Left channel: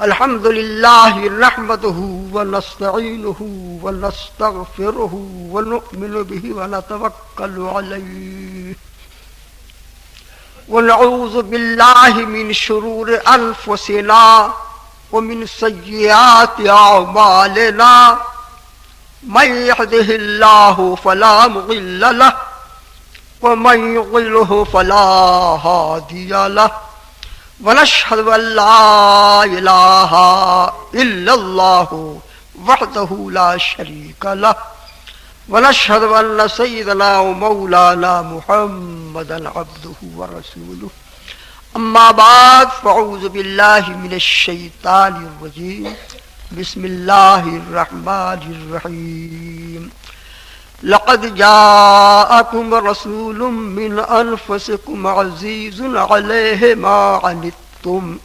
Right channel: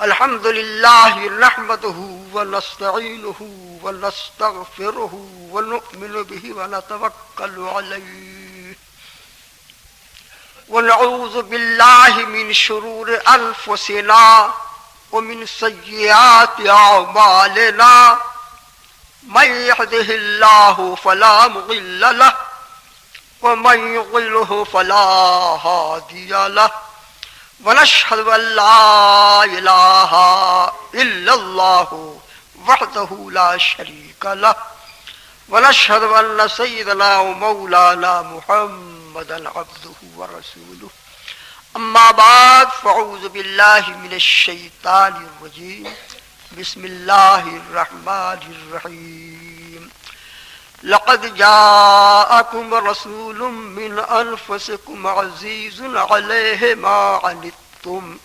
الحمد لله نحمده ونستعينه ونستغفره ونؤمن به ونتوكل عليه ونعوذ بالله من شرور أنفسنا ومن سيئات أعمالنا من يهده الله فلا مضل له ومن يضلل فلا هادي له ونشهد أن لا إله إلا الله وحده لا شريك له ونشهد أن سيدنا ومولانا محمدا عبده ورسوله أما بعد فأعوذ بالله من الشيطان الرجيم بسم الله الرحمن الرحيم لقد جاءكم رسول من أنفسكم عزيز عليه ما عنتم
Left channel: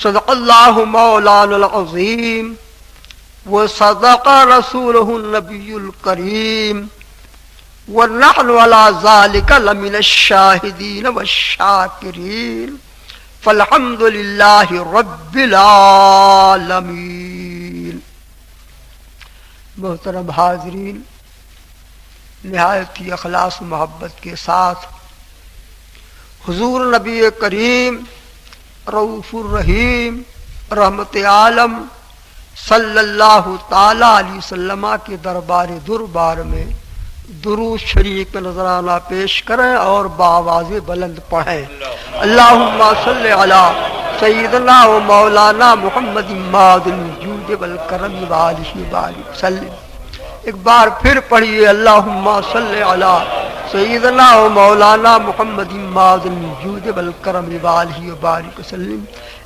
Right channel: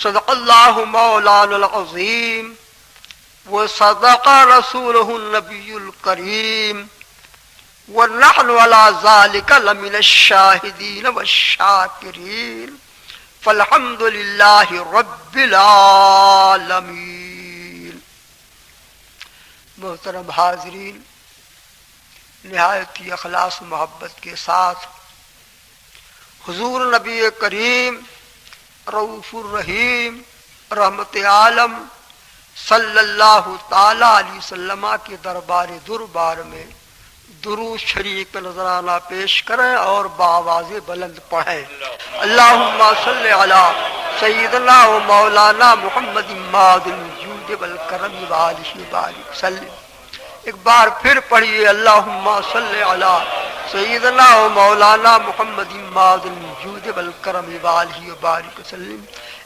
صدق الله مولانا العظيم وصدق رسوله النبي الكريم ونحن على ذلك لمن الشاهدين والشاكرين فالحمد لله رب العالمين. محترم حاضرین، نہایت ہی اخلاص و محبت کے ساتھ حضور نبی کریم رؤوف الرحیم رحمت عالم صلی اللہ تعالی علیہ وسلم کے دربار میں درود شریف کا نذرانہ پیش کریں اور بآواز بلند پڑھیں. اللہم صلی علی سیدنا و مولانا محمد ماد الجود والکرم وآلہ وبارک وسلم. ایک بار پھر پڑھیے اللہم صلی علی سیدنا و مولانا محمد ماد الجود والکرم وآلہ وبارک وسلم.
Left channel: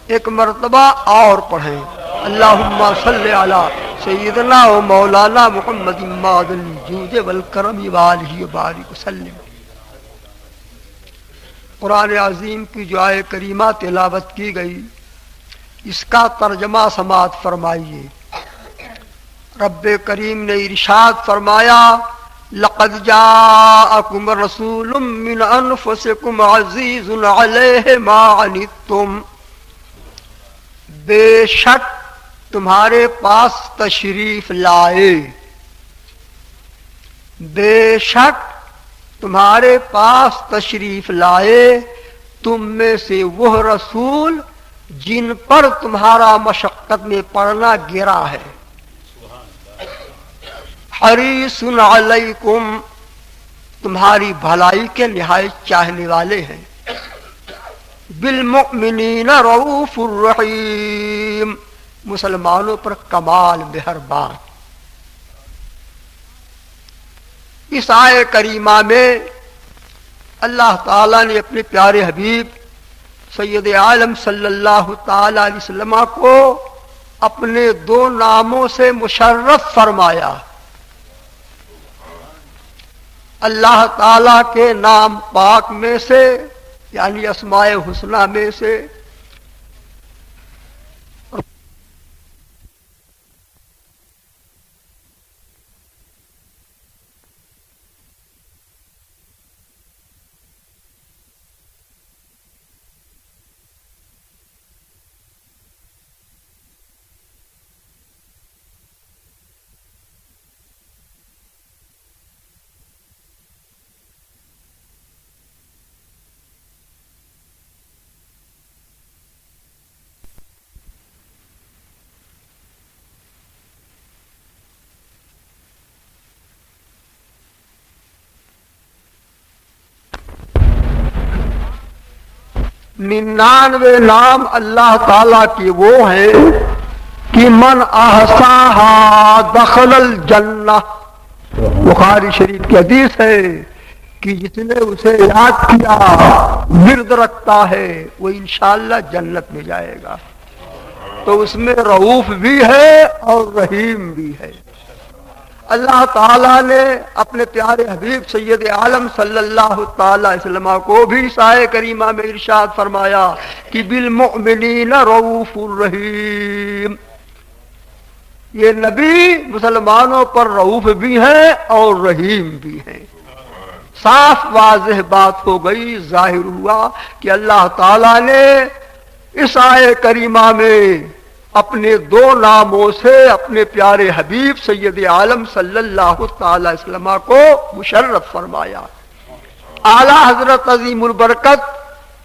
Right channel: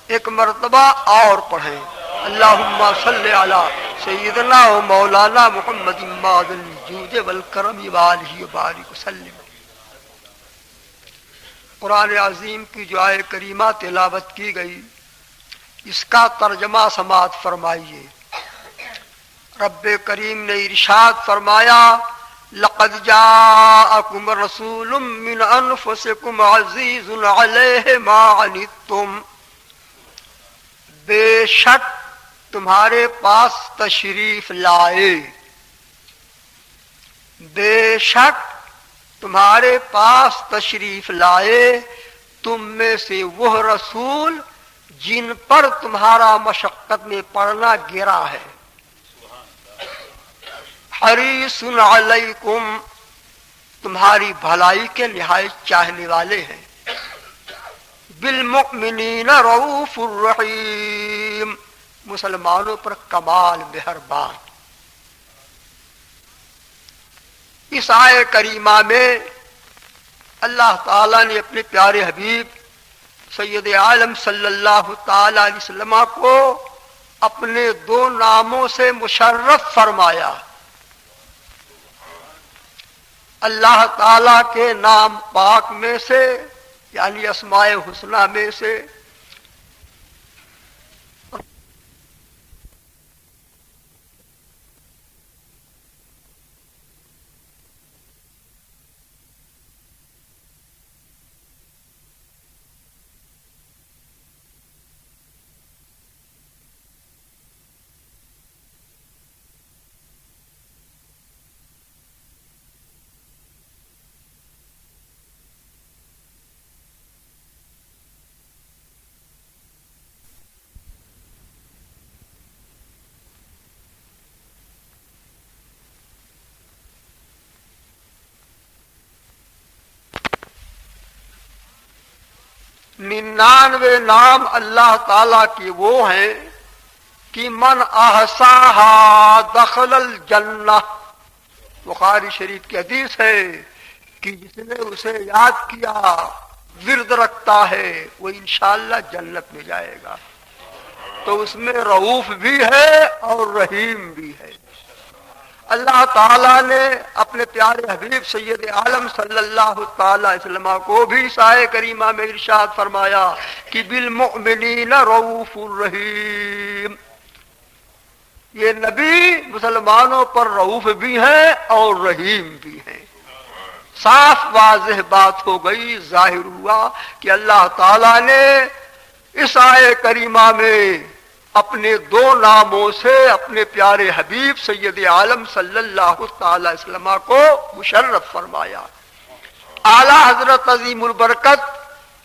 ایک مرتبہ اور پڑھیں اللہم صلی علی سیدنا و مولانا محمد ماد الجود والکرم وآلہ وبارک وسلم. قرآن عظیم کی جو آیت کریمہ تلاوت کی گئی، اس کا ترجمہ سماعت فرمائیے. رب کریم نے ارشاد فرمایا لقد جاءکم رسول من انفسکم عزیز علیہ ما عنتم، بے شک تمہارے پاس تشریف لائے، بے شک تمہارے پاس تشریف لائے تم میں سے وہ رسول جن پر تمہارا مشقت میں پڑنا گرا ہے. حریص علیکم، تمہاری بھلائی کے نہایت چاہنے والے ہیں. بالمؤمنین رؤوف الرحیم، مسلمانوں پر کمال مہربان. اس آیت کریمہ میں اللہ تعالیٰ نے اپنے پیارے حبیب سید عالم صلی اللہ تعالی علیہ وسلم کو اپنے دو ناموں سے مشرف فرمایا. اللہ تعالیٰ کے نام پاک میں سے یعنی اسماء حسنہ میں سے ننانوے نام اللہ تعالیٰ کے وہ ہیں کہ من احصاها دخل الجنہ. بخاری شریف کی حدیث ہے کہ جس نے اسے یاد کیا، ورد رکھتا ہے، وہ انشاءاللہ جنت میں جائے گا. تو اس میں رؤوف بھی ہے اور رحیم بھی ہے. اللہ تعالیٰ نے اپنے پیارے حبیب سید عالم صلی اللہ تعالی علیہ وسلم کو بھی آیت کریمہ میں ارشاد فرمایا کہ بالمؤمنین رؤوف الرحیم. یہ نبی مسلمانوں پر رؤوف بھی ہیں اور رحیم بھی ہیں. صاف واضح بات ہو گئی، ظاہر ہوا کہ اللہ تعالیٰ نے اس آیے کریمہ میں اپنے دو ناموں سے اپنے پیارے حبیب سید عالم صلی اللہ تعالی وسلم کو مشرف فرمایا۔ اعلی حضرت عظیم البرکت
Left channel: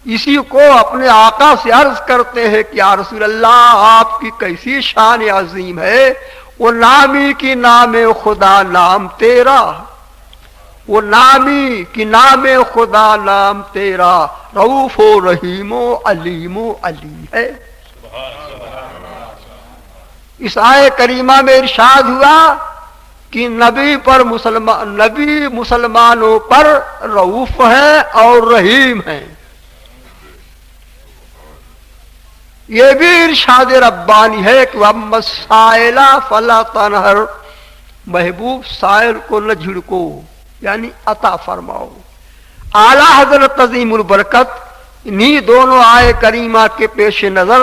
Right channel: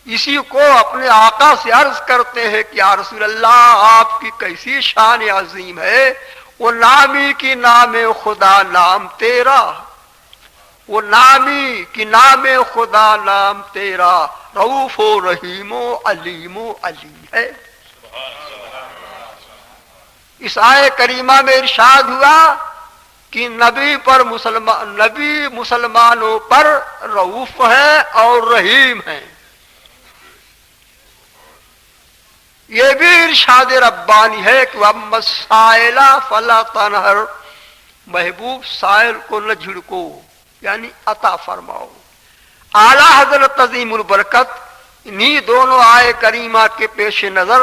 اسی کو اپنے آقا سے عرض کرتے ہیں کہ یا رسول اللہ آپ کی کیسی شان عظیم ہے، وہ نامی کی نام خدا نام تیرا، وہ نامی کی نام خدا نام تیرا، رؤوف و رحیم و علیم ہے۔ اس آیے کریمہ میں ارشاد ہوا کہ نبی مسلمانوں پر رؤوف ہیں اور رحیم ہیں۔ یہ بھی ارشاد ربانی ہے کہ وَأَمَّا السَّائِلَ فَلَا تَنْهَرْ، محبوب سائل کو نہ جھڑکو، یعنی عطا فرماؤ۔ اعلیٰ حضرت عظیم البرکت انہی دونوں آئے کریمہ کے پیش نظر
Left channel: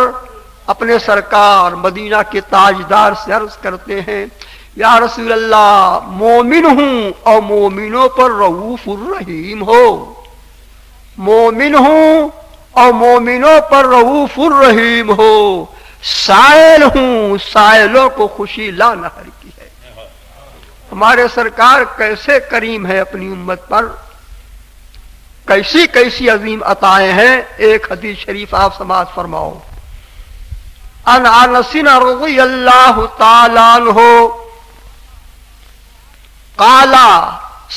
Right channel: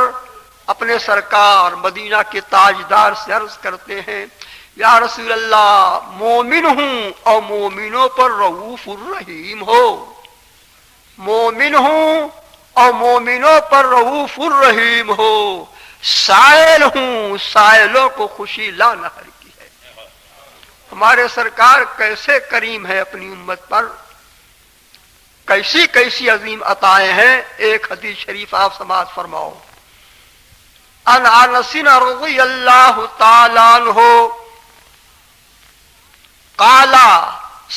اپنے سرکار مدینہ کے تاجدار سے عرض کرتے ہیں یا رسول اللہ مومن ہوں اور مومنوں پر رؤوف الرحیم ہو، مومن ہوں اور مومنوں پر رؤوف الرحیم ہو، سائل ہوں سائلوں کو خوشی لا نہر کی ہے۔ ہمارے سرکار کیسے کریم ہے اپنی امت پر، کیسی کیسی عظیم عطائیں ہیں۔ ایک حدیث شریف آپ سماعت فرماؤ۔ ان انس رضی اللہ تعالی عنہ قال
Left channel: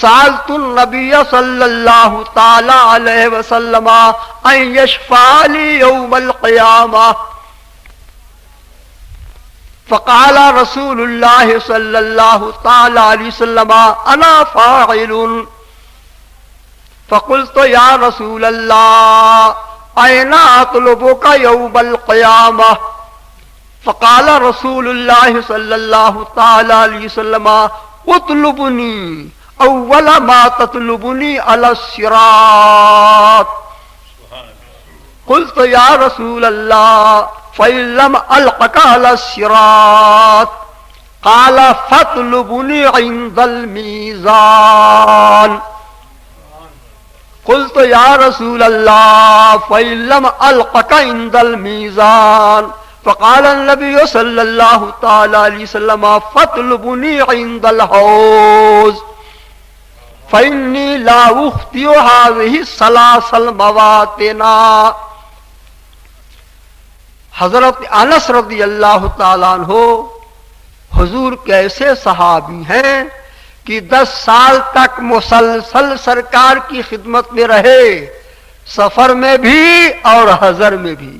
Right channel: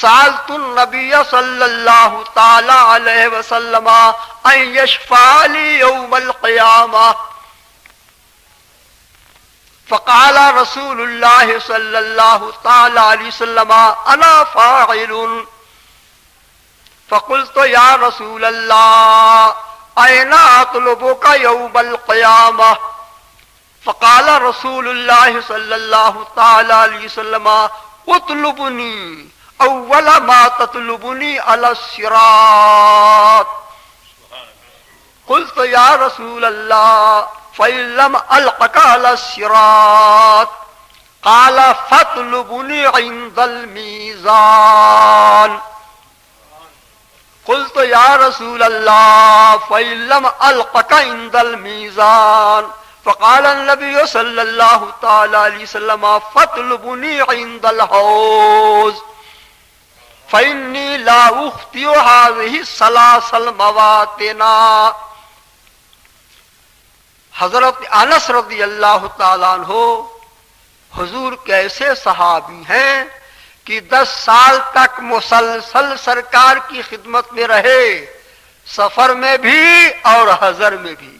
سألت النبی صلی اللہ تعالی علیہ وسلم ان یشفع لی یوم القیامہ فقال رسول اللہ صلی اللہ تعالی علیہ وسلم انا فاعل فقلت یا رسول اللہ این اطلبک یوم القیامہ فقال رسول اللہ صلی اللہ تعالی علیہ وسلم اطلبنی اول ما تطلبنی علی الصراط قلت یا رسول اللہ فإن لم ألقك على الصراط قال فاطلبني عند الميزان قلت يا رسول الله فإن لم ألقك عند الميزان فقال النبي صلى الله تعالى عليه وسلم فاطلبني عند الحوض فإني لا أخطئ هذه الثلاث المواطن۔ حضرت انس رضی اللہ تعالیٰ عنہ حضور کے ایسے صحابی ہیں کہ 10 سال تک مسلسل سرکار کی خدمت میں رہے، سفر میں بھی اور حضر میں بھی۔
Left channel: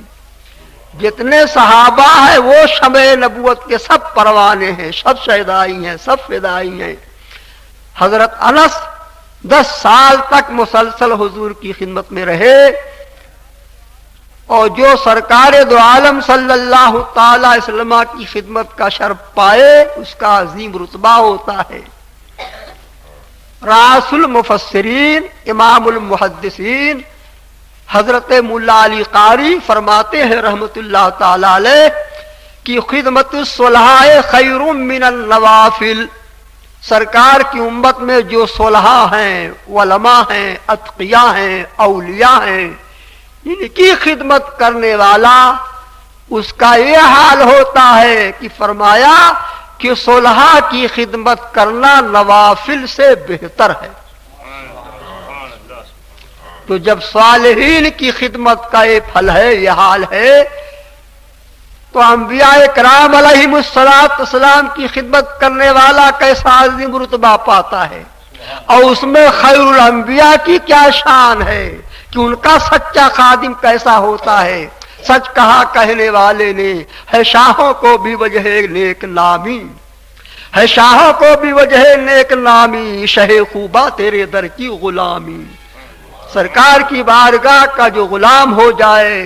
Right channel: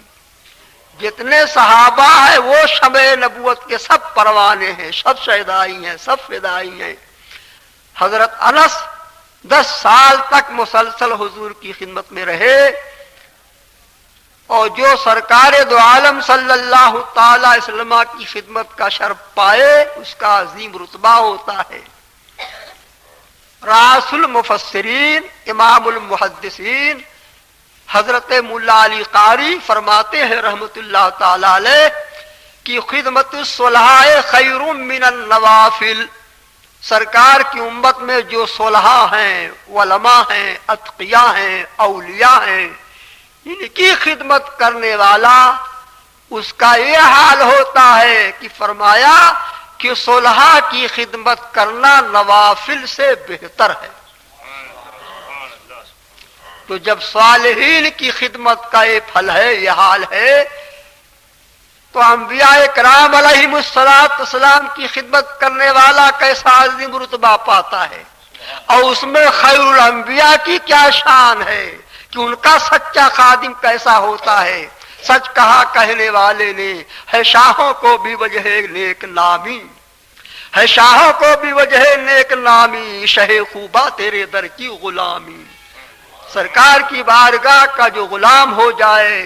جتنے صحابہ ہیں وہ شمع نبوت کے سب پروانے ہیں، سب شہدائی ہیں، سب فدائی ہیں۔ حضرت انس 10 سال تک مسلسل حضور کی خدمت میں رہے، اور جو سرکار دو عالم صلی اللہ تعالی علیہ وسلم کی خدمت کا شرف پائے اس کا عظیم رتبہ ہوتا ہے۔ راس المفسرین امام المحدثین حضرت مولا علی قاری فرماتے ہیں رحمت اللہ تعالی علیہ کہ خدمت الصلحاء خیر من النوافل، سرکار کی امت میں جو صلحاء ہیں، علماء ہیں، اتقیاء ہیں، اولیاء ہیں، ان کی خدمت کرنے والا اس کا یہ حال ہوتا ہے کہ فرمایا کہ صلحاء کی خدمت کرنا نوافل سے بہتر ہے۔ تو جب صالحین کی خدمت کا یہ پھل ہے، یہ حال ہے، تو انبیاء کرام علیہم السلام کی خدمت کرنے والا کیسا عظیم رتبہ پاتا ہے، اور اس میں خیر الانبیاء کی کیا شان ہے کہ ان کا سچا خادم کیسا ہوتا ہے۔ سچ کہا کہنے والے نے ہے شاہوں کو بھی وجہ نیک نامی، ہے شاہوں کو بھی وجہ نیک نامی، شہ خوبا تیرے در کی غلامی۔ سرکار کی بارگاہ کا جو غلام ہو جائے،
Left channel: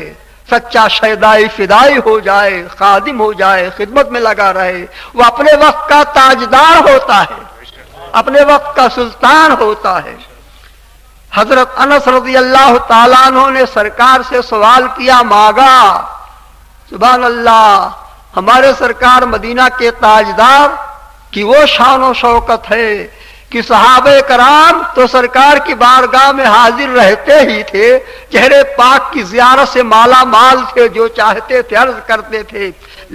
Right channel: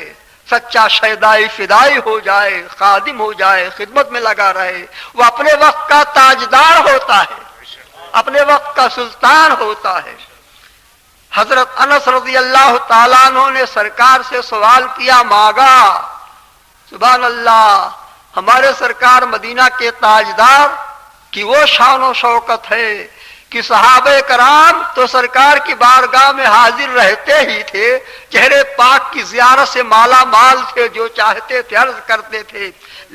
سچا شیدائی فدائی ہو جائے، خادم ہو جائے، خدمت میں لگا رہے، وہ اپنے وقت کا تاجدار ہوتا ہے، اپنے وقت کا سلطان ہوتا ہے۔ حضرت انس رضی اللہ تعالیٰ عنہ نے سرکار سے سوال کیا، مانگا، سبحان اللہ، ہمارے سرکار مدینہ کے تاجدار کی وہ شان و شوکت ہے کہ صحابہ کرام تو سرکار کی بارگاہ میں حاضر رہتے ہی تھے، چہرے پاک کی زیارت سے مالا مال تھے، جو چاہتے تھے عرض کرتے تھے،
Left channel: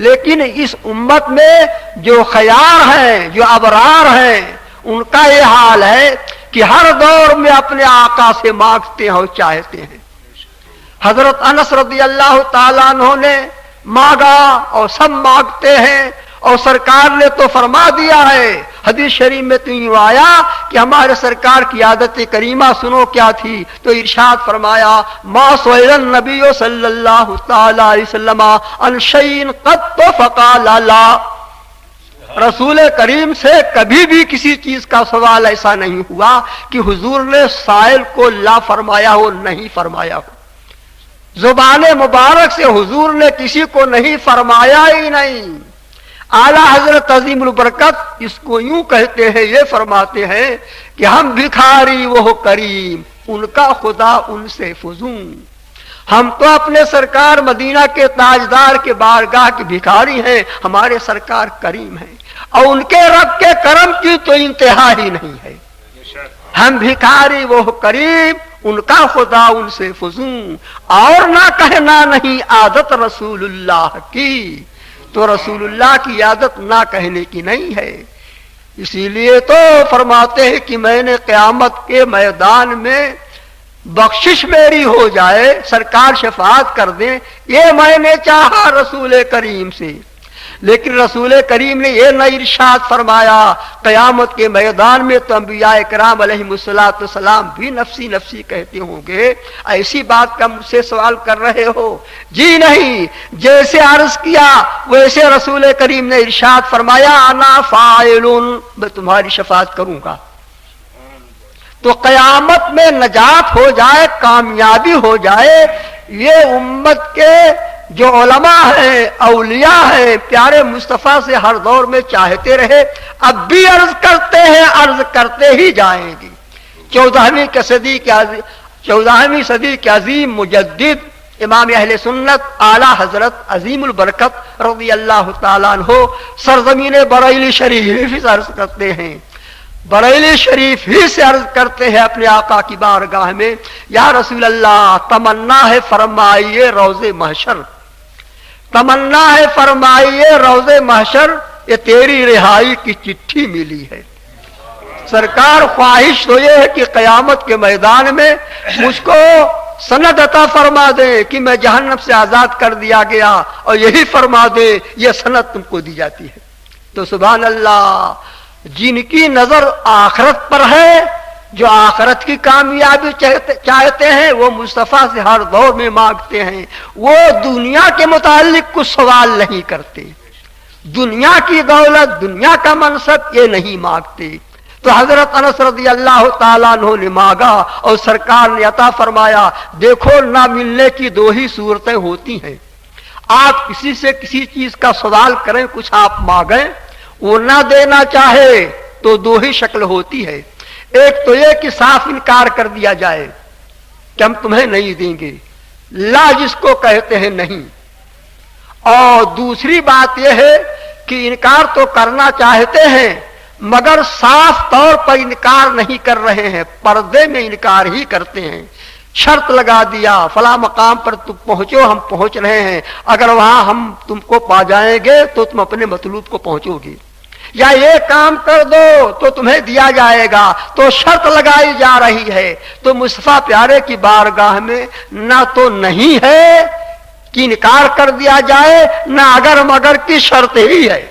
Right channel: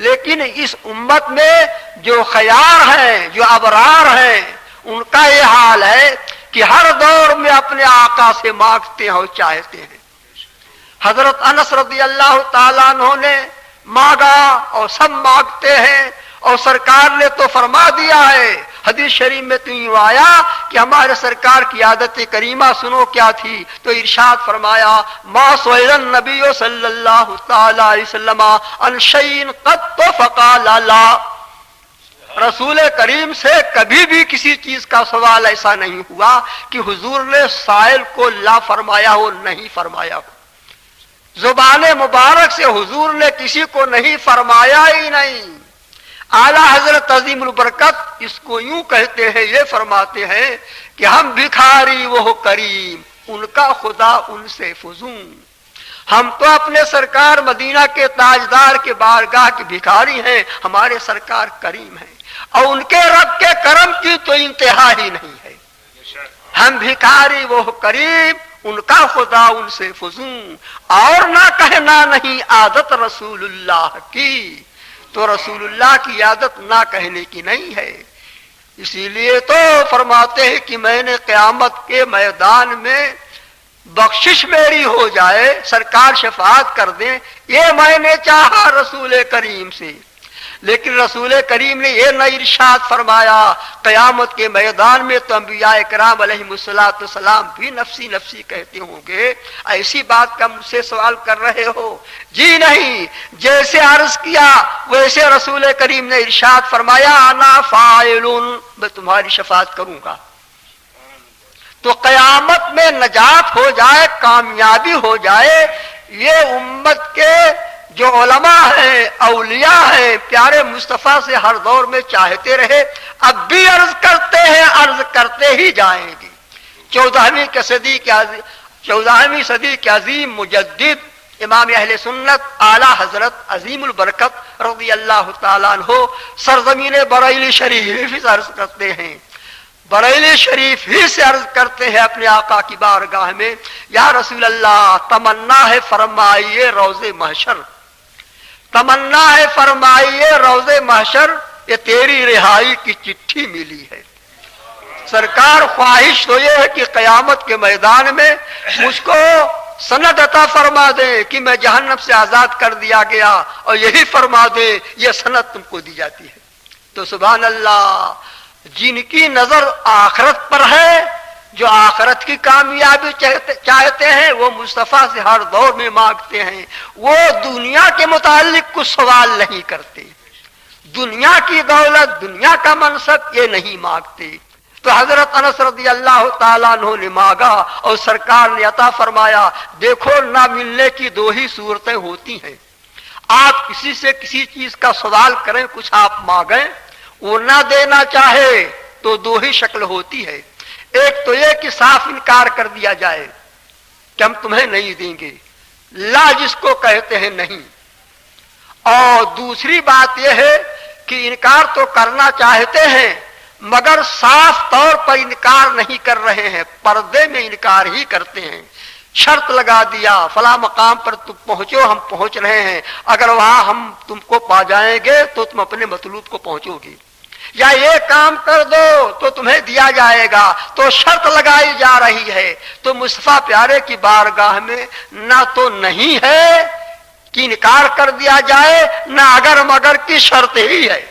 لیکن اس امت میں جو خیار ہیں، جو ابرار ہیں، ان کا یہ حال ہے کہ ہر دور میں اپنے آقا سے مانگتے ہیں اور چاہتے ہیں۔ حضرت انس رضی اللہ تعالیٰ عنہ نے مانگا اور سب مانگتے ہیں، اور سرکار نے تو فرما دیا ہے، حدیث شریف میں تو یوں آیا کہ ہمارے سرکار کی عادت کریمہ سنو کیا تھی، تو ارشاد فرمایا ما سئل النبی صلی اللہ تعالی علیہ وسلم عن شیء قط فقال لا، رسول کریم سے کبھی بھی کسی چیز کا سوال ایسا نہیں ہوا کہ حضور نے سائل کو لا فرمایا ہو، نہیں فرمایا ہو۔ زبان مبارک سے حضور نے کسی کو نہیں فرمایا ہی نہیں۔ اعلیٰ حضرت عظیم البرکت اس کو یوں کہتے ہیں، یہ فرماتے ہیں کہ ہم بھکاری وہ کریم، ان کا خدا ان سے فزوں۔ ہم تو اپنے سرکار مدینہ کے تاجدار کے بارگاہ کے بھکاری ہیں، ہمارے سرکار کریم ہیں، اور ان کے رب کے کرم کی تو انتہا ہی نہیں ہے۔ ہم بھکاری وہ کریم، ان کا خدا ان سے فزوں، اور نہ کہنا نہیں عادت رسول اللہ کی، تو رسول اللہ کی عادت نہ کہنے کی نہیں ہے۔ اسی لیے تو فرماتے ہیں کہ میں نے قیامت کے میدان میں بخشش میری ہو جائے، سرکار شفاعت کر دیں، یہ میں نے چاہا رسول کریم سے، لیکن رسول کریم نے یہ نہ ارشاد فرمایا۔ قیامت کے میدان میں تو انبیاء کرام علیہم السلام بھی نفسی نفسی کہتے ہوں گے، ایسی بات کا مجھ سے سوال کر رہے ہو؟ جی نہیں، جیسے عرض کیا ویسے رسول کریم نے ارشاد فرمایا انا فاعل، میں تمہاری شفاعت کروں گا۔ تو قیامت میں نجات ہو جائے، کامیابی ہو جائے، یہ امت کے جو علماء ہیں، اولیاء ہیں، پیارے مصطفیٰ سے ہر دور میں چاہتے رہے، اب بھی عرض کرتے ہیں، عرض کرتے ہی جائیں گے۔ 14ویں صدی کے عظیم مجدد امام اہل سنت اعلیٰ حضرت عظیم البرکت رضی اللہ تعالیٰ عنہ سرزمین بریلی شریف سے عرض کرتے ہیں، بریلی شریف ہی سے عرض کرتے ہیں اپنے آقا کی بارگاہ میں، یا رسول اللہ تمنا ہے فرمائیے روز محشر، تمنا ہے فرمائیے روز محشر، یہ تیری رہائی کی چٹھی ملی ہے۔ سرکار خواہش تو یہ ہے کہ قیامت کے میدان میں مجھ کو سند عطا فرما دے کہ میں جہنم سے آزاد کر دیا گیا، اور یہی فرما دے یہ سند تم کو دی جاتی ہے۔ تو سبحان اللہ، جن کی نظر آخرت پر ہے، جو آخرت کی کامیابی چاہتے ہیں، وہ مصطفیٰ سے ہر دور میں مانگتے ہیں، وہ دنیا کے متعلق کچھ سوال نہیں کرتے، دنیا کی دولت، دنیا کا منصب یہ نہیں مانگتے۔ تو حضرت انس رضی اللہ تعالیٰ عنہ نے مانگا اور سرکار نے عطا فرمایا۔ دیکھو، نہ ملنے کی دو ہی صورتیں ہوتی ہیں، آپ کسی سے کسی چیز کا سوال کریں، کچھ آپ مانگیں، وہ نہ دینا چاہے تو دو ہی شکل ہوتی ہے، ایک تو یہ کہ صاف انکار کر دیا جائے کہ ہم تمہیں نہیں دیں گے، لا جس کو کہتے ہیں نہیں، اور دوسری بات یہ ہے کہ انکار تو کرنا چاہتے ہیں مگر صاف طور پر انکار نہیں کر رہے ہیں، پردے میں انکار ہی کرتے ہیں، شرط لگا دیا فلاں مقام پر تم پہنچو، ہم پہنچ رہے ہیں، اگر وہاں ہم تم کو پا جائیں گے تو تم اپنے مطلوب کو پہنچو گے، یا یہ کام کر دو تو تمہیں دیا جائے گا، تو شرط لگائی جا رہی ہے۔ تو مصطفیٰ پیارے کی بارگاہ میں نہ تو نہیں ہے کہ انکار کر دیا جائے، نہ اگر مگر کی شرط ہی ہے۔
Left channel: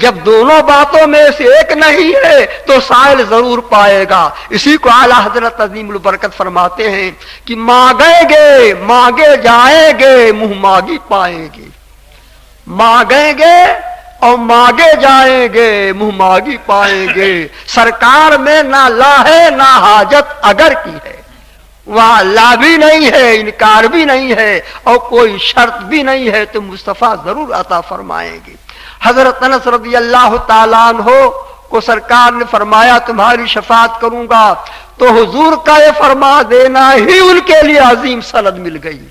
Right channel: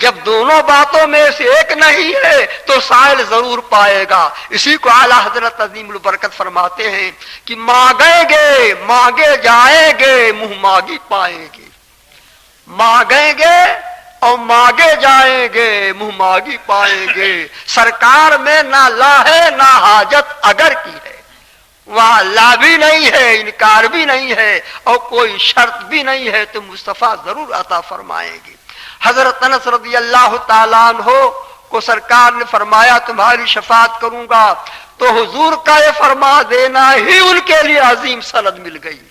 جب دونوں باتوں میں سے ایک نہیں ہے تو سائل ضرور پائے گا۔ اسی کو اعلیٰ حضرت عظیم البرکت فرماتے ہیں کہ مانگیں گے مانگے جائیں گے، منہ مانگی پائیں گے، مانگیں گے اور مانگے جائیں گے، منہ مانگی پائیں گے۔ سرکار میں نہ لا ہے نہ حاجت اگر کی ہے، وہاں لا بھی نہیں ہے، انکار بھی نہیں ہے، اور کوئی شرط بھی نہیں ہے، تو مصطفیٰ ضرور عطا فرمائیں گے۔ حضرت انس رضی اللہ تعالیٰ عنہ کو سرکار نے فرمایا تمہاری شفاعت کروں گا، تو حضور کا یہ فرما دینا ہی ان کے لیے عظیم سند مل گئی،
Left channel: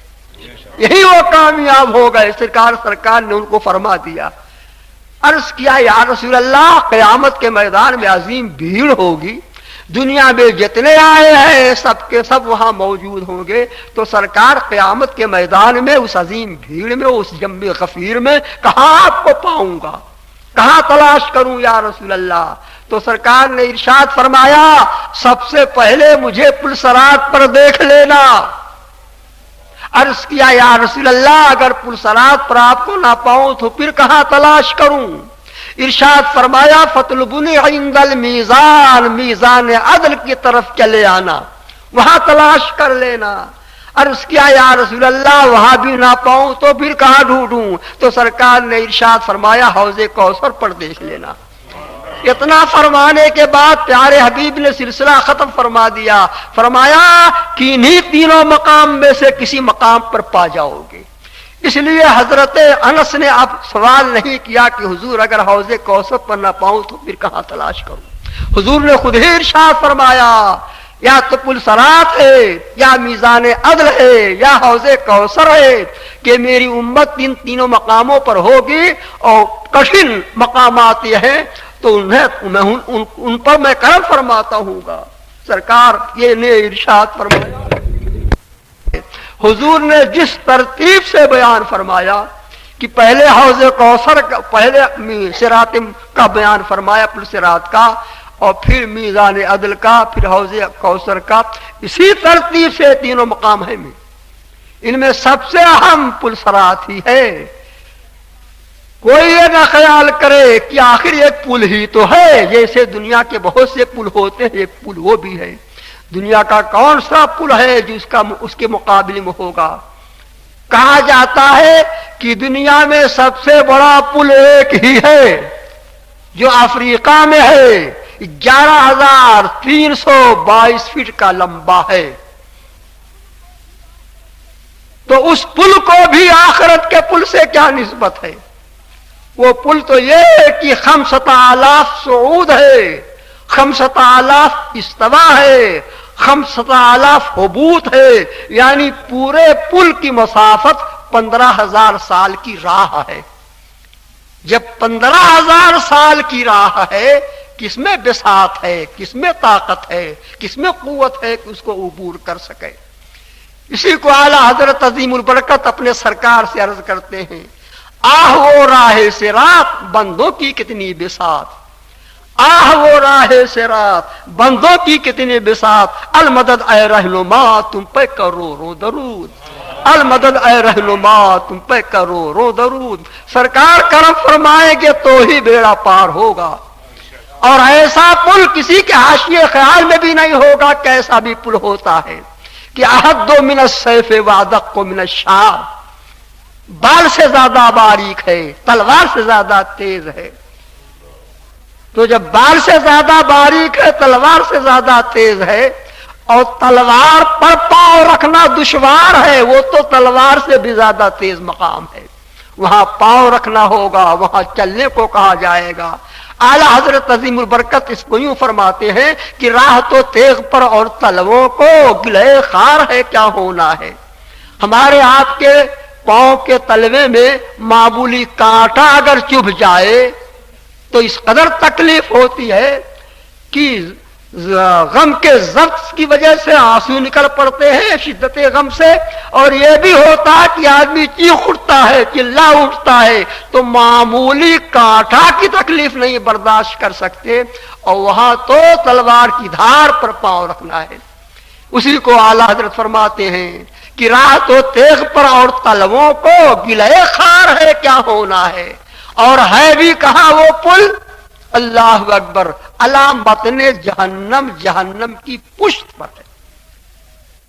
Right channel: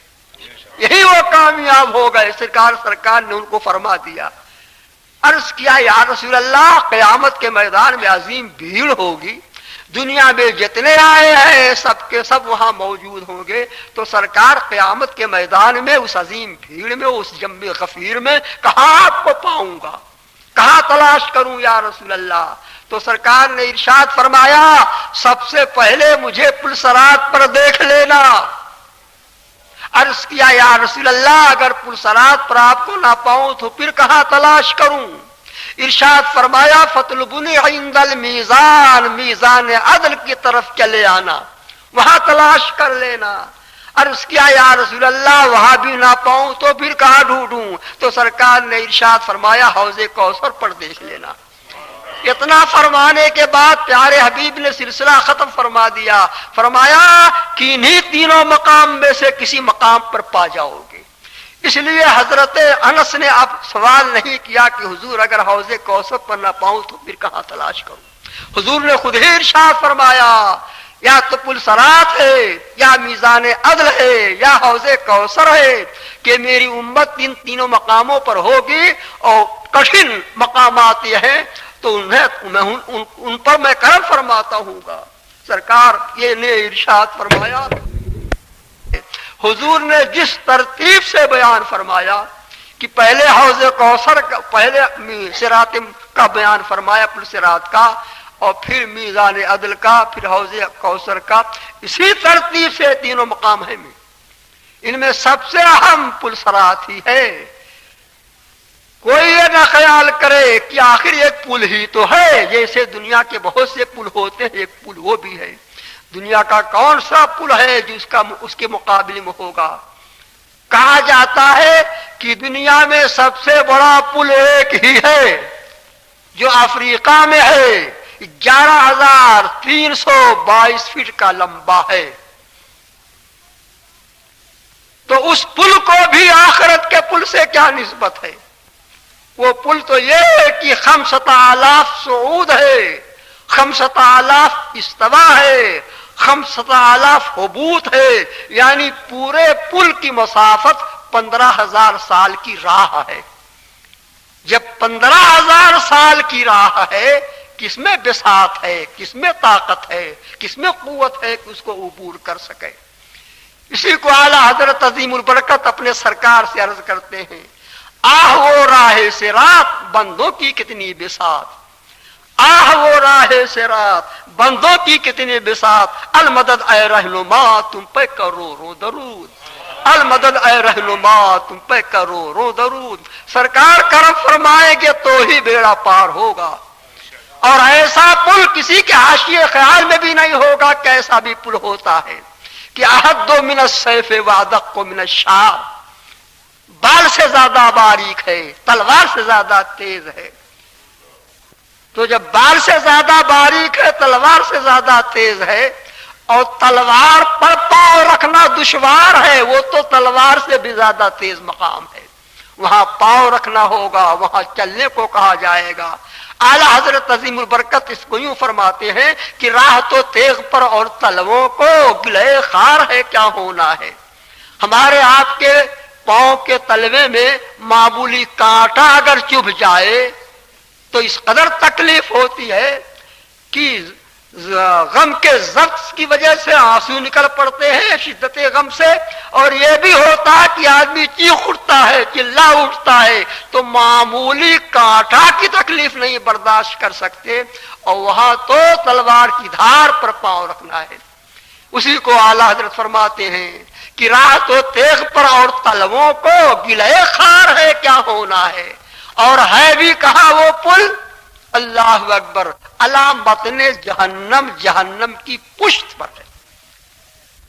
یہی وہ کامیاب ہو گئے۔ سرکار نے ان کو فرما دیا۔ عرض کیا یا رسول اللہ قیامت کے میدان میں عظیم بھیڑ ہوگی، دنیا میں جتنے آئے ہیں سب کے سب وہاں موجود ہوں گے، تو سرکار قیامت کے میدان میں اس عظیم بھیڑ میں اس جنب غفیر میں کہاں آپ کو پاؤں گا، کہاں تلاش کروں یا رسول اللہ؟ تو سرکار نے ارشاد فرمایا سب سے پہلے مجھے پل صراط پر دیکھ لینا۔ عرض کیا یا رسول اللہ اگر پل صراط پر آپ کو نہ پاؤں تو پھر کہاں تلاش کروں؟ ارشاد فرمایا فطلبنی عند المیزان، میزان عدل کی طرف چلے آنا، وہاں تلاش کر لینا۔ عرض کیا یا رسول اللہ وہاں بھی نہ پاؤں تو پھر کہاں ڈھونڈوں؟ تو سرکار نے ارشاد فرمایا حوض کوثر پر دیکھ لینا۔ اتنا فرمانے کے بعد پیارے حبیب نے سلسلہ ختم فرما دیا، فرمایا کہ انہی تینوں مقام میں سے کسی مقام پر پا جاؤ گے۔ اس لیے حضرت انس نے اب سوال نہیں کیا کہ حضور اگر حوض کوثر پر نہ پاؤں تو پھر کہاں تلاش کروں؟ حضور نے خود ہی ارشاد فرمایا یا تو پل صراط ہے، یا میزان عدل ہے، یا حوض کوثر ہے، کہ میری امت ان تینوں مقاموں پر ہوگی، اور کٹھن مقامات یہ ہیں تو ان پر میں کرم فرماتا ہوں گا۔ سرکار یہ نے ارشاد فرمایا، حضور نے جس ترتیب سے بیان فرمایا کہ پہلے حوض کوثر کا، پہلے صراط کا بیان فرمایا، پل صراط کا، اور پھر میزان عدل کا، پھر حوض کوثر کا، اسی ترتیب سے تینوں مقام ہیں۔ ان میں سب سے اہم پل صراط ہی ہے۔ کوئی یہ نہ خیال کرے کہ آخر ایک پل ہی تو ہے، جیسے دنیا کے بہت سے پل ہوتے ہیں ایک پل وہ بھی ہے۔ دنیا کا کون سا پل ہے جو اس کے مقابلے میں ہوگا؟ کہا جاتا ہے کہ دنیا میں سب سے بڑا پل ایک ہی ہے جو افریقہ میں ہے، 11,322 فٹ کا لمبا ہے۔ تو اس پل کو بھی آخرت کے پل سے کیا نسبت ہے؟ وہ پل تو یہ ہے کہ 5,000 صعود ہے، 5,000 استوا ہے، 5,000 حبوط ہے، یعنی پورے پل کی مسافت 15,000 سال کی راہ ہے۔ جب 15,000 سال کی راہ ہے، کس میں بساط ہے، کس میں طاقت ہے، کس میں قوت ہے کہ اس کو عبور کر سکے؟ اسی کو اعلیٰ حضرت عظیم البرکت اپنے سرکار سے عرض کرتے ہیں، آہ وہ راہ صراط بندوں کی کتنی بساط، آہ وہ راہ صراط بندوں کی کتنی بساط، المدد اے رہنما تم پہ کرو رو درود، المدد اے رہنما تم پہ کرو رو درود۔ سرکار کرم فرمائیں گے تو ہی بیڑا پار ہوگا، اور ایسا پل کسی کے حاشیے خیال میں بھی نہیں ہوگا کیسا بھی پل ہوتا ہے کہ احد من السیف وادق من الشعر، بال سے زیادہ باریک ہے، تلوار سے زیادہ تیز ہے۔ تو جب بال سے زیادہ باریک ہے، تلوار سے زیادہ تیز ہے، اور تلوار پر پاؤں رکھنا دشوار ہے، وہ تو تلوار سے بھی زیادہ تیز مقام ہے، وہاں پاؤں رکھنا ہوگا، وہاں چلنے کو کہا جائے گا۔ اعلیٰ حضرت عظیم البرکت اس کو یوں فرماتے ہیں کہ راہ تو تیغ پر اور تلووں کو گلے خار ہے کیا ہونا ہے۔ ہمارے آپ کے پاؤں کے تلوے میں معمولی کانٹا اگر چبھ جائے تو اس قدر تکلیف ہوتی ہے کہ غم کے ضبط کی وجہ سے آنسو نکل پڑتے ہیں شدت غم سے، اور یہ بھی ہوتا ہے کہ آدمی چیخ اٹھتا ہے، چلا اٹھتا ہے، تو معمولی کانٹا کی تکلیف نہیں برداشت کر سکتے، اور وہاں تو تلوار کی دھار پر پاؤں رکھنا ہے۔ اسی کو اعلیٰ حضرت فرماتے ہیں کہ راہ تو تیغ پر اور تلووں کو گلے خار ہے کیا ہونا ہے، اور ہے بھی کہاں وہ پل؟ اللہ اکبر، علامت جہنم، جہنم کی پشت پر ہے،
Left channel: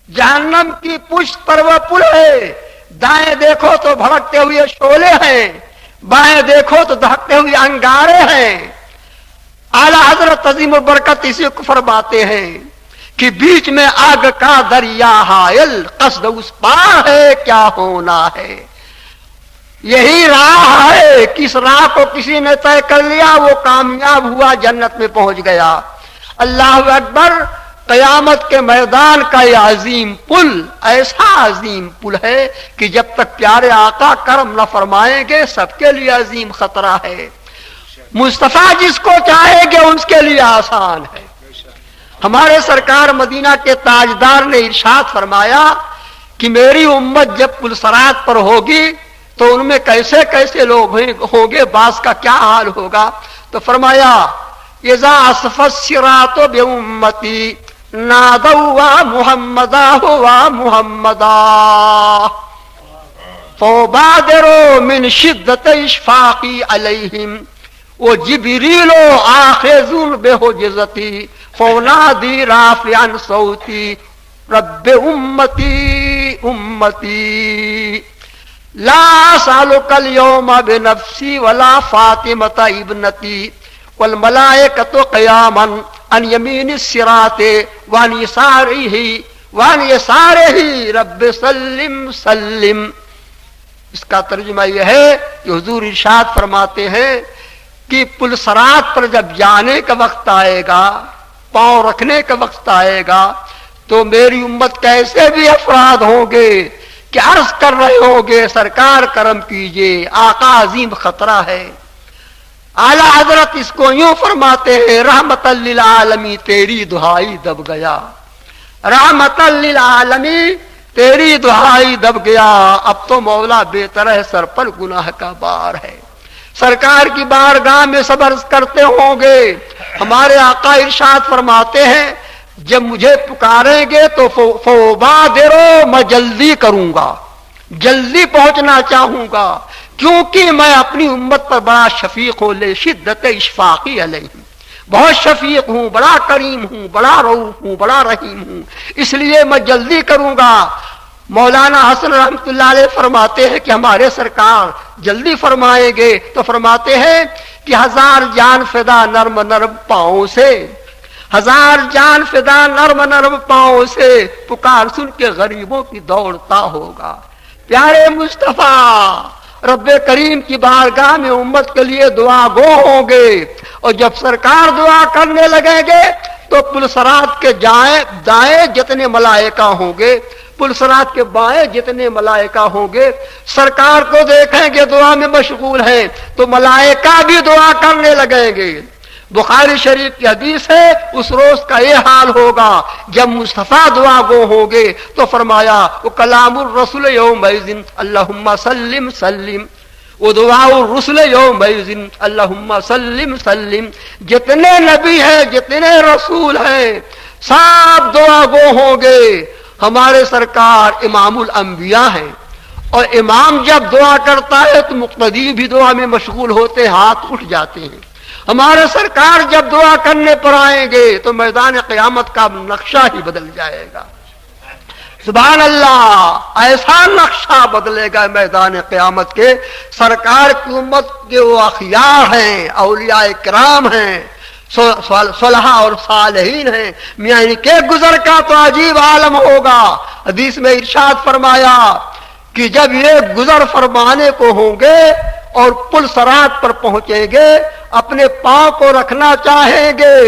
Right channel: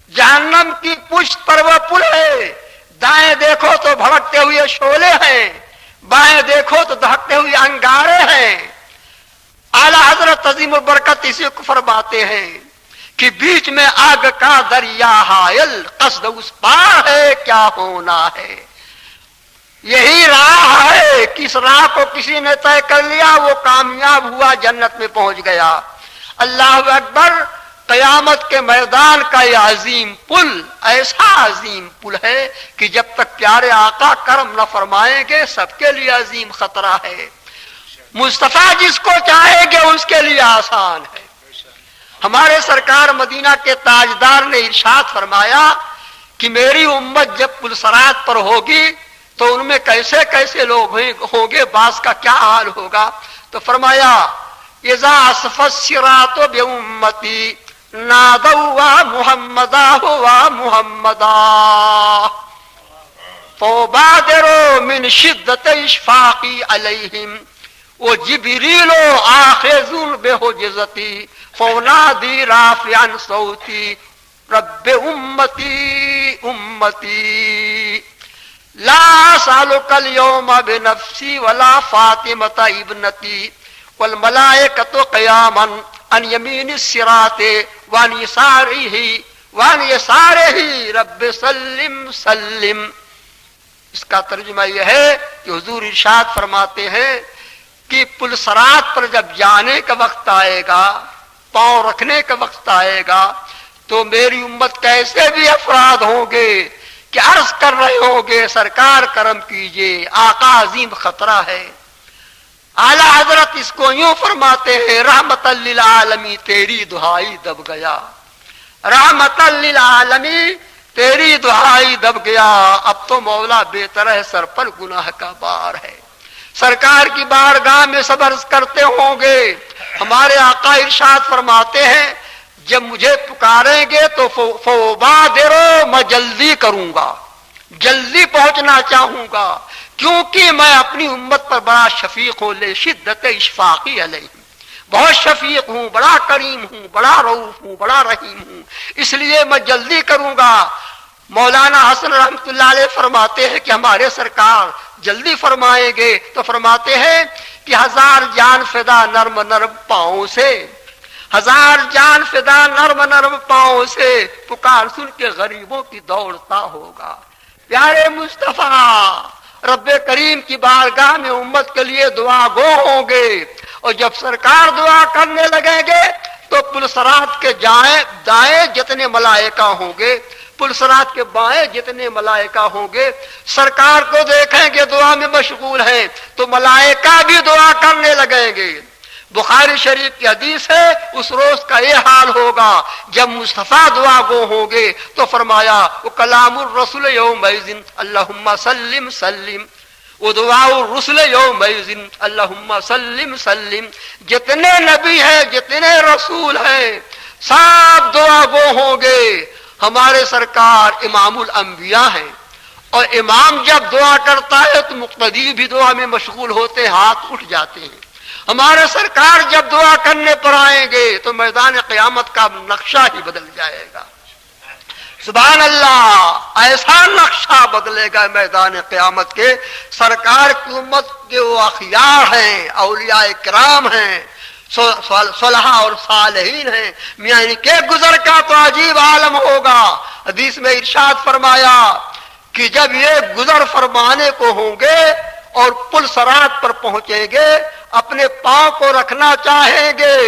جہنم کی پشت پر وہ پل ہے۔ دائیں دیکھو تو بھڑکتے ہوئے شعلے ہیں، بائیں دیکھو تو دہکتے ہوئے انگارے ہیں۔ اعلیٰ حضرت عظیم البرکت اسی کو فرماتے ہیں کہ بیچ میں آگ کا دریا حائل، قصد اس پار ہے کیا ہونا ہے۔ یہی راہ ہے، کس راہ کو کسی نے طے کر لیا وہ کامیاب ہوا، جنت میں پہنچ گیا۔ اللہ اکبر، قیامت کے میدان کا یہ عظیم پل ایسا عظیم پل ہے کہ جب تک پیارے آقا کرم نہ فرمائیں گے سب کے لیے عظیم خطرہ ہے۔ مصطفیٰ جس کو چاہے گے اس کے لیے آسان ہے۔ ہمارے سرکار مدینہ کے تاجدار نے ارشاد فرمایا کہ میری امت جب پلسرات پر ہوگی تو ان میں کیسے کیسے لوگ ہوں گے، بعض کا کیا حال ہوگا، تو فرمایا اذا اسف الصراط بامتی نادوا محمدا ہوا محمدا فبادروا من شدت اشفاقی علیہم وجبریل آخذ بحجزتی فونادی رافعا صوتی رب امتی امتی لا اسألک اليوم بنفسی ولا فاطمة ابنتی والملائکۃ قیاما عن یمین الصراط وعن یسارہ رب سلم سلم۔ اس کا ترجمہ یہ ہے کہ حضور ارشاد فرماتے ہیں کہ پلسرات پر جب جانے کا وقت آئے گا، پاؤں رکھنے کا وقت آئے گا، تو میری امت کیسے بھی افراد ہوں گے کہ عرض کر رہے ہوں گے سرکار کرم کیجئے، آقا عظیم خطرہ ہے۔ اعلیٰ حضرت اس کو یوں فرماتے ہیں رحمت للعالمین تیری دہائی دب گیا، رحمت للعالمین تیری دہائی دب گیا، اب تو مولا بے طرح سر پر گناہ کا بار ہے۔ سرکار کی بارگاہ میں صبر کرتے ہوں گے۔ ہمارے آقا ارشاد فرماتے ہیں جب مجھے پکاریں گے تو فوبادرو میں جلدی کروں گا، جلدی پہنچنا چاہوں گا، کیونکہ میں اپنی امت پر بڑا شفیق ہوں، لے شدت اشفاقی علیہم، بہت شفیق ہوں، بڑا کریم ہوں، بڑا رؤوف ہوں، بڑا رحیم ہوں، اس لیے میں جلدی کروں گا۔ مولانا حسن رحمت اللہ علیہ فرماتے ہیں کہ ہمارے سرکار جلدی فرمائیں گے تو فرماتے ہیں کہ ہزار جان فدا نرم نرم پاؤں سے، ہزار جان فدا نرم نرم پاؤں سے، پکار سن کے غریبوں کی دوڑتا ہوگا۔ پیارے مصطفیٰ رب کریم کی بارگاہ میں امت کے لیے دعا گو ہوں گے، اور جب سرکار دعا کرنے لگیں گے تو پلسرات کے دائیں جتنے ملائکہ ہوں گے، پلسرات کے بائیں جتنے ملائکہ ہوں گے، سرکار کو دیکھیں گے دعا میں مشغول ہیں تو ملائکہ بھی دعا کرنے لگیں گے۔ بخاری شریف کی حدیث ہے اس روز کا یہ حال ہوگا جب مصطفیٰ دعا گو ہوں گے تو فرمایا وہ کلام الرسول یومئذ اللہم سلم سلم، وہ دعا الرسول یومئذ اللہم سلم سلم، جتنے نبی ہیں جتنے رسول ہیں سب دعا گو ہوں گے۔ ہمارے سرکار امام الانبیاء ہیں، اور امام جب دعا کرتا ہے تو مقتدی بھی دعا میں مشغول ہوتے، ہاتھ اٹھ جاتے ہیں۔ ہمارے سرکار جب دعا کرنے پر آئیں گے تو میدان قیامت کا نقشہ ہی بدل جائے گا۔ سبحان اللہ، ایسا نقشہ بدلے گا میدان قیامت کے۔ سرکار کی امت کے وہ اخیار ہیں، اولیاء کرام ہیں، صلحاء اور صالحین ہیں، میاں ان کے گزر کا تو عجیب عالم ہوگا۔ حدیث میں ارشاد فرمایا کہ جب یہ گزر فرمانے کو ہوں گے اور پل صراط پر پہنچیں گے، اپنے پاؤں کو رکھنا چاہیں گے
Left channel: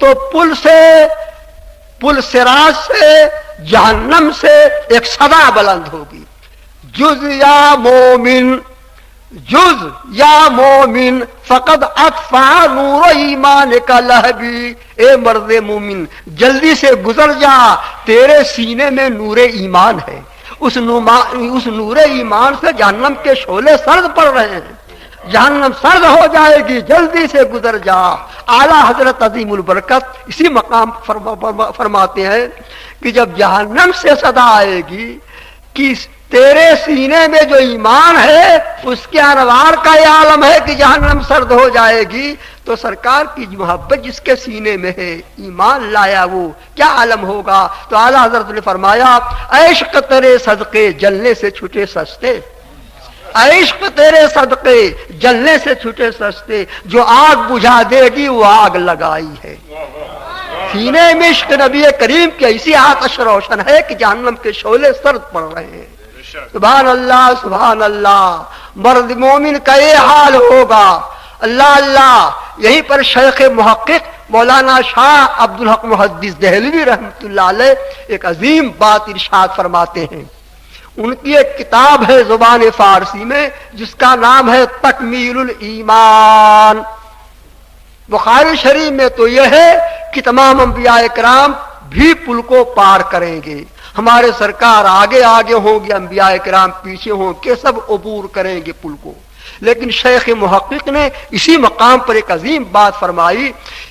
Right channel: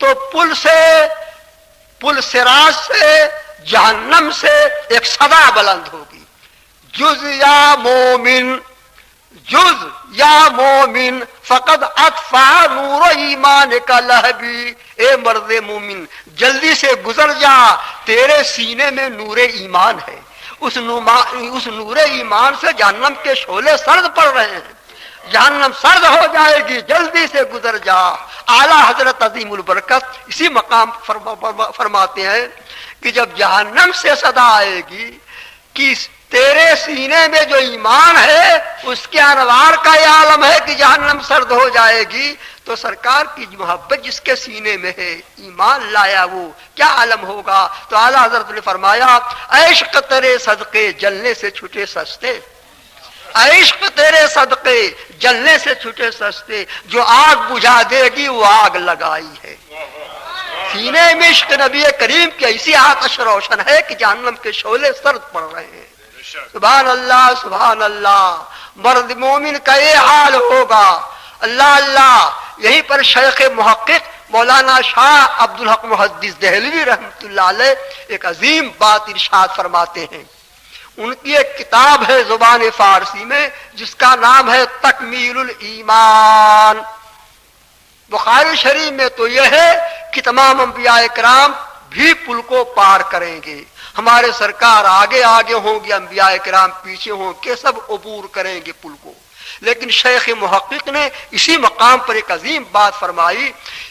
تو پل صراط سے جہنم سے ایک صدا بلند ہوگی، جز یا مومن، جز یا مومن فقد اطفا نور ایمان کا لہبی، اے مرد مومن جلدی سے گزر جا، تیرے سینے میں نور ایمان ہے، اس نور ایمان سے جہنم کے شعلے سرد پڑ رہے ہیں، جہنم سرد ہو جائے گی، جلدی سے گزر جا۔ اعلیٰ حضرت عظیم البرکت اسی مقام فرماتے ہیں کہ جب جہنم سے صدا آئے گی کہ تیرے سینے میں جو ایمان ہے اس کے انوار کا یہ عالم ہے کہ جہنم سرد ہو جائے گی، تو سرکار کی محبت جس کے سینے میں ہے، ایمان لایا، وہ کیا عالم ہوگا۔ تو اعلیٰ حضرت نے فرمایا عشق تیرے صدقے جلنے سے چھٹے سستے، عشق تیرے صدقے جلنے سے چھٹے سستے، جو آگ بجھا دے گی وہ آگ لگائی ہے۔ سینے میں عشق نبی کریم کی ایسی آتش روشن ہے کہ جہنم کے شعلے سرد پڑ رہے ہیں۔ سبحان اللہ سبحان اللہ، مرد مومن کا یہ حال ہوگا۔ اللہ اللہ، یہیں پر شیخ محقق مولانا شاہ عبدالحق محدث دہلوی رحمۃ اللہ علیہ ایک عظیم بات ارشاد فرماتے ہیں۔ ان کی ایک کتاب ہے زبان فارسی میں جس کا نام ہے تکمیل الایمان، بخاری شریف میں تو یہ ہے کہ تمام انبیاء کرام بھی پل کو پار کریں گے، ہمارے سرکار آگے آگے ہوں گے، انبیاء کرام پیچھے ہوں کہ سب عبور کریں گے پل کو۔ لیکن شیخ محقق نے اسی مقام پر ایک عظیم بات فرمائی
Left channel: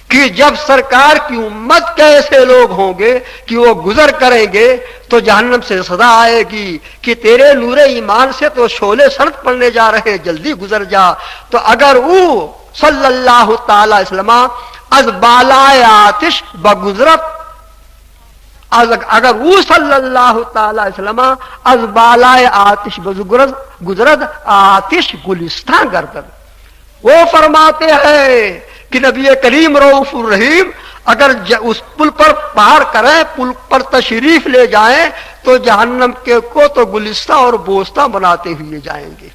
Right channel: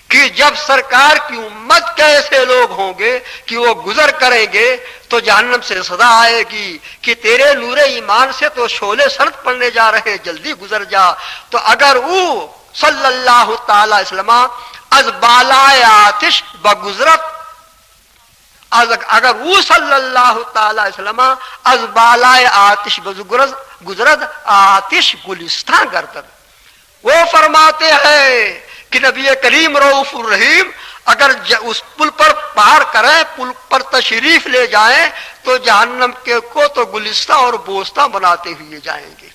کہ جب سرکار کی امت کے ایسے لوگ ہوں گے کہ وہ گزر کریں گے تو جہنم سے صدا آئے گی کہ تیرے نور ایمان سے تو شعلے سرد پڑنے جا رہے ہیں، جلدی گزر جا۔ تو اگر او صلی اللہ تعالی علیہ وسلم از بالائے آتش بگزرت، اگر وہ صلی اللہ تعالی علیہ وسلم از بالائے آتش گزرد آتش گلستان گردد، وہ فرماتے ہیں کہ نبی کریم رؤوف الرحیم اگر اس پل پر پار کریں، پل پر تشریف لے جائیں تو جہنم کے کو تو گلستہ اور بوستہ بناتے ہوئے جائیں گے۔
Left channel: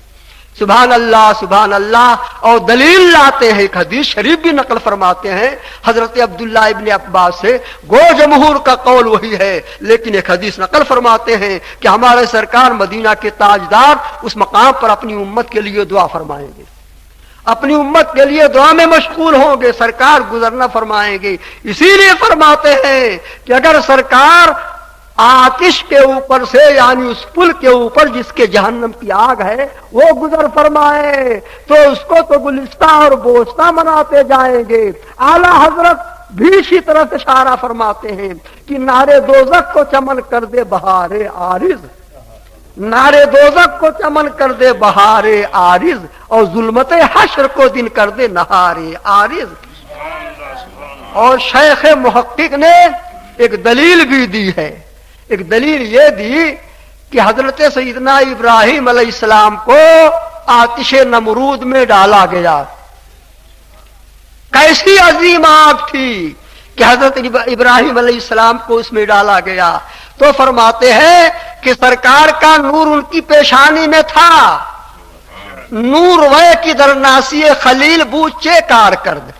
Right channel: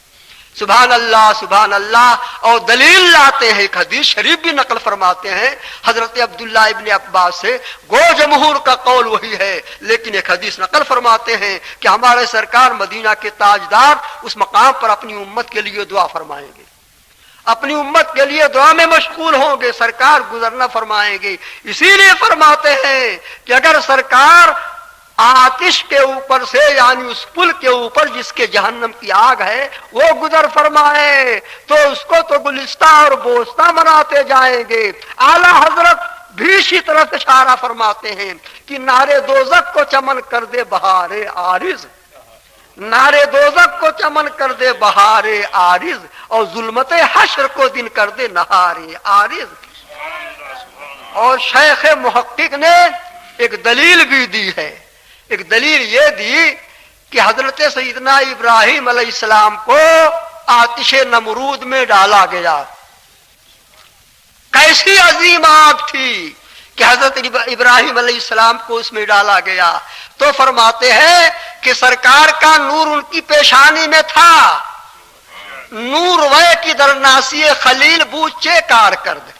سبحان اللہ سبحان اللہ۔ اور دلیل لاتے ہیں، ایک حدیث شریف بھی نقل فرماتے ہیں حضرت عبداللہ ابن عباس سے، گو جمہور کا قول وہی ہے، لیکن ایک حدیث نقل فرماتے ہیں کہ ہمارے سرکار مدینہ کے تاجدار اس مقام پر اپنی امت کے لیے دعا فرمائیں گے، اپنی امت کے لیے دعا میں مشغول ہوں گے، سرکار گزرنا فرمائیں گے۔ اسی لیے فرماتے ہیں کہ اگر سرکار آتش کے اوپر سے یعنی اس پل کے اوپر جس کے جہنم کی آگ ہے وہ گزر فرمائے تو اس کو تو گلستہ اور بوستہ بناتے جائیں گے۔ اعلی حضرت بھی اسی طرح اشارہ فرماتے ہیں کہ نارے دوزخ کو چمن کر دے بہار عارض، نارے دوزخ کو چمن کر دے بہار عارض، اور ظلمت حشر کو دن کر دے نہار عارض۔ اور شیخ محقق نے ایک دلیل بھی دی ہے، ایک دلیل یہ دی کہ حضرت سیدنا ابراہیم علیہ السلام کو آتش نمرود میں ڈالا گیا، کیسی عظیم آگ تھی کہ حضرت ابراہیم علیہ السلام کو اس میں ڈالا گیا۔ تو فرماتے ہیں کہ سرکار کا نور ان کی پیشانی میں تھا، نور وے کی درناسی خلیل بوچے کار کرد،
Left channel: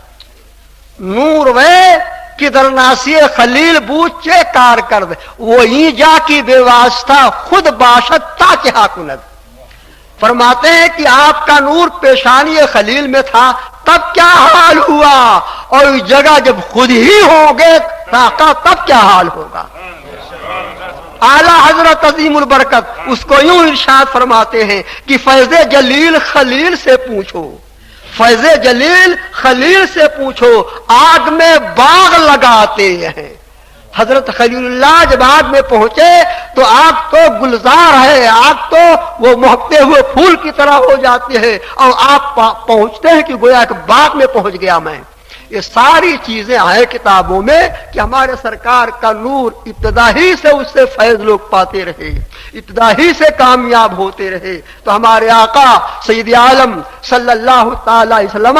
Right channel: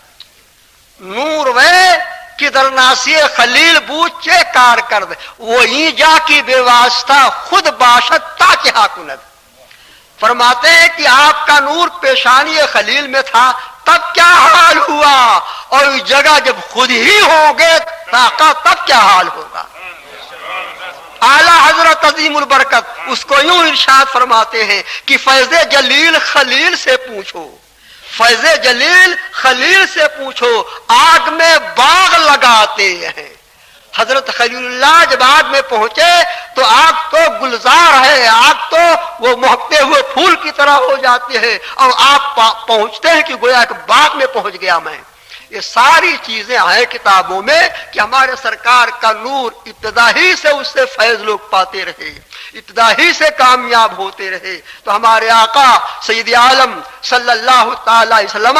نور وے کی درناسی خلیل بوچے کار کرد، وہی جا کی بے واسطہ خود باشد تا کیا کند۔ فرماتے ہیں کہ آپ کا نور پیشانی خلیل میں تھا، تب کیا حال ہوا، اور اس جگہ جب خود ہی ہوگے تب کیا حال ہوگا۔ اعلیٰ حضرت عظیم البرکت اس کو یوں ارشاد فرماتے ہیں کہ فیض جلیل خلیل سے پوچھو، فیض جلیل خلیل سے پوچھو، آگ میں باغ لگاتے ہیں۔ حضرت خلیل اللہ جب آگ میں پہنچے تو آگ تو گلزار ہے، آگ تو وہ مہکتے ہوئے پھول کی طرح ہو جاتی ہے، اور آپ پہنچتے ہیں کہ گویا کہ باغ میں پہنچ گیا میں۔ یہ ساری چیزیں ہیں کتابوں میں کہ ہمارے سرکار کا نور ابتدا ہی سے اس سے فیض لوگ پاتے رہے، ابتدا ہی سے کامیاب ہوتے رہے۔ تو ہمارے آقا سید عالم صلی اللہ تعالی علیہ وسلم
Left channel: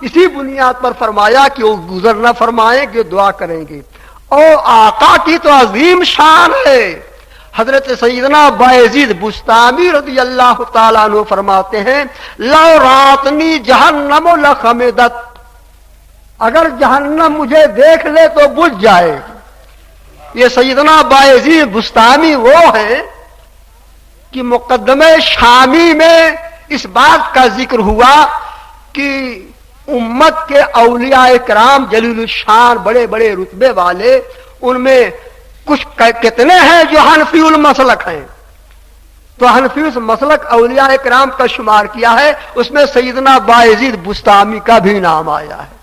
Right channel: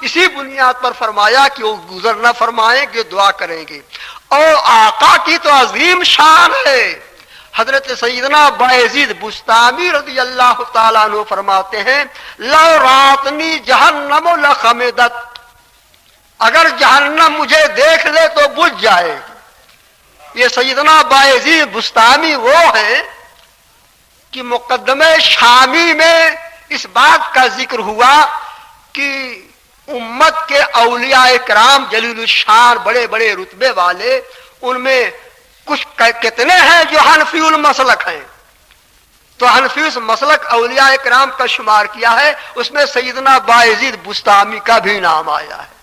اسی بنیاد پر فرمایا کہ وہ گزرنا فرمائیں گے، دعا کریں گے۔ اور آقا کی تو عظیم شان ہے۔ حضرت سیدنا بایزید بستامی رضی اللہ تعالیٰ عنہ فرماتے ہیں لو راتنی جہنم لخمدت، اگر جہنم مجھے دیکھ لے تو بجھ جائے گی۔ یہ سیدنا بایزید بستامی وہ ہیں کہ مقدمہ شامی میں اس بات کا ذکر ہوا کہ امت کے اولیاء کرام جلیل الشان بڑے بڑے رتبے والے، ان میں کچھ کتنے ہیں جو حنفی المسلک ہیں، تو حنفی مسلک اولیاء کرام کا شمار کیا ہے، اس میں سیدنا بایزید بستامی کا بھی نام آیا ہے۔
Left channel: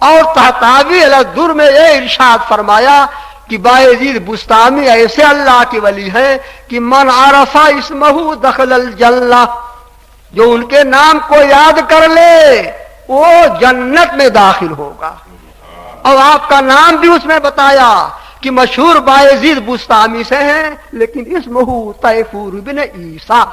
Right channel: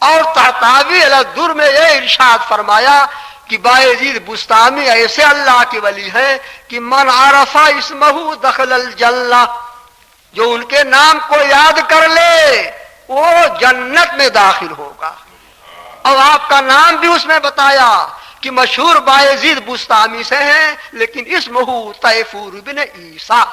اور تحتاوی الدر میں یہ ارشاد فرمایا کہ بایزید بستامی ایسے اللہ کے ولی ہیں کہ من عرف اسمہ دخل الجنہ، جو ان کے نام کو یاد کر لے وہ جنت میں داخل ہوگا۔ اور آپ کا نام بھی اس میں بتایا کہ مشہور بایزید بستامی سے ہیں، لیکن اسمہ طیفور بن عیسیٰ،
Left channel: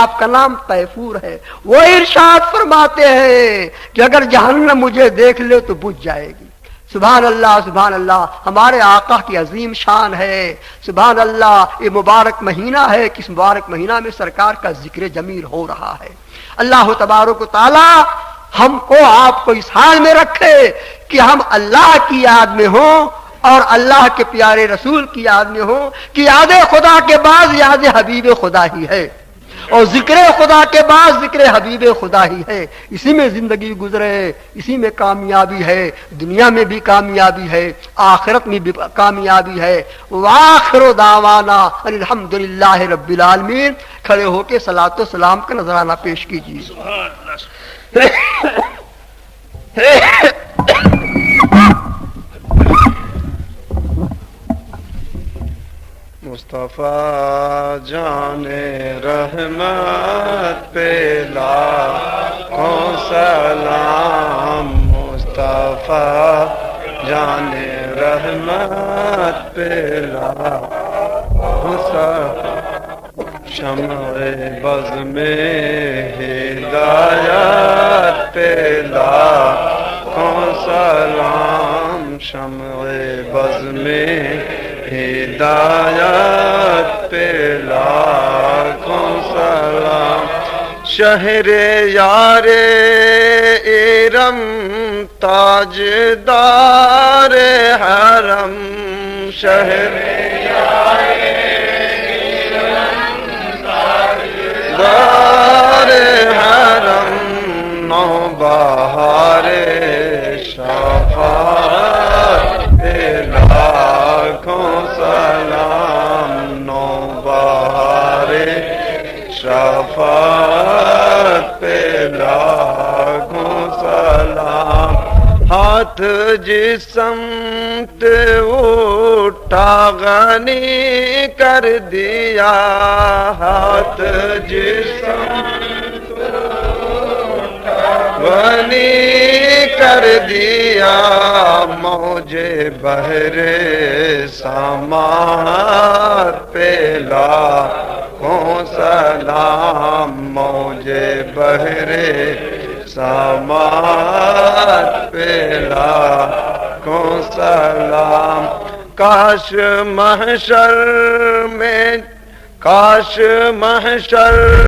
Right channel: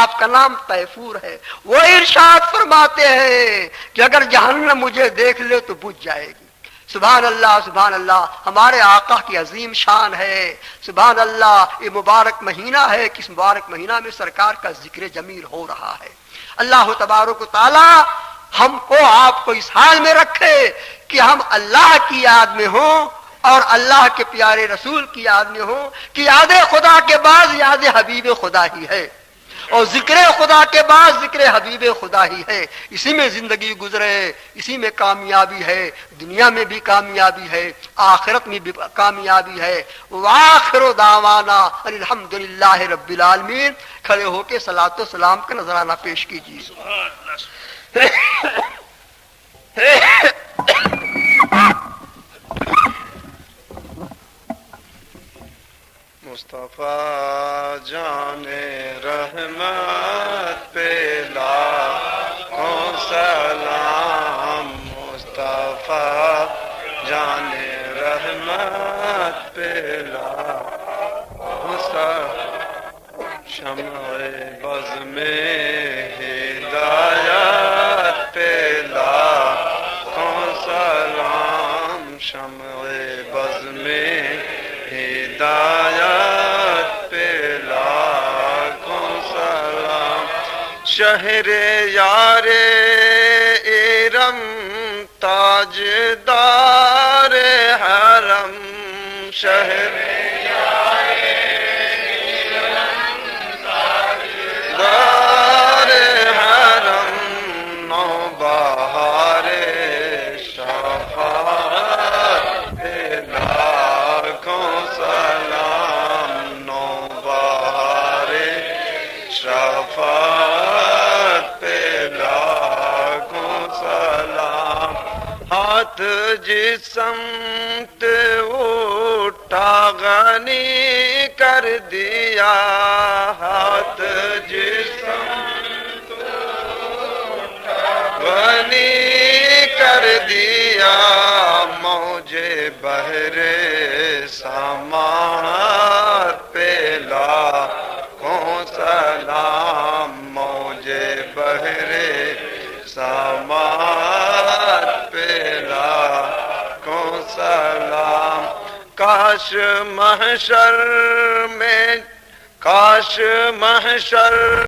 آپ کا نام طیفور ہے۔ وہ ارشاد فرماتے ہیں کہ اگر جہنم مجھے دیکھ لے تو بجھ جائے گی۔ سبحان اللہ سبحان اللہ، ہمارے آقا کی عظیم شان ہے۔ سبحان اللہ، یہ مبارک مہینہ ہے کہ اس مبارک مہینہ میں سرکار کا ذکر جمیل ہو رہا ہے۔ اللہ تبارک و تعالی ہم کو آپ کو اس حال میں رکھے کہ ہم اللہ کی یاد میں ہوں اور اللہ کے پیارے رسول کی یاد میں ہوں کہ یاد خدا کے بعد یاد حبیب خدا ہی ہے۔ اور ذکر خدا کے بعد ذکر حبیب خدا ہی ہے. اسی میں زندگی گزرے، اسی میں کامیابی ہے، دنیا میں بھی کامیابی ہے، آخرت میں بھی کامیابی ہے. وآخر دعوانا ان الحمدللہ رب العالمین. کھڑے ہو کے صلاۃ و سلام کا نذرانہ پیش کیجیے. مصطفیٰ جان رحمت پہ لاکھوں سلام. مصطفیٰ جان رحمت پہ لاکھوں سلام. شمع بز میں ہدایت پہ لاکھوں سلام. شمع بز میں ہدایت پہ لاکھوں سلام. شہر یار ارم تاجدار حرم. شہر یار ارم تاجدار حرم. نو بہار شفاعت پہ لاکھوں سلام. نو بہار شفاعت پہ لاکھوں سلام. ہاتھ جس سمت اٹھا غنی کر دیا. ہاتھ جس سمت غنی کر دیا. موجے بحر سماعت پہ لاکھوں سلام. موجے بحر سماعت پہ لاکھوں سلام. کاش محشر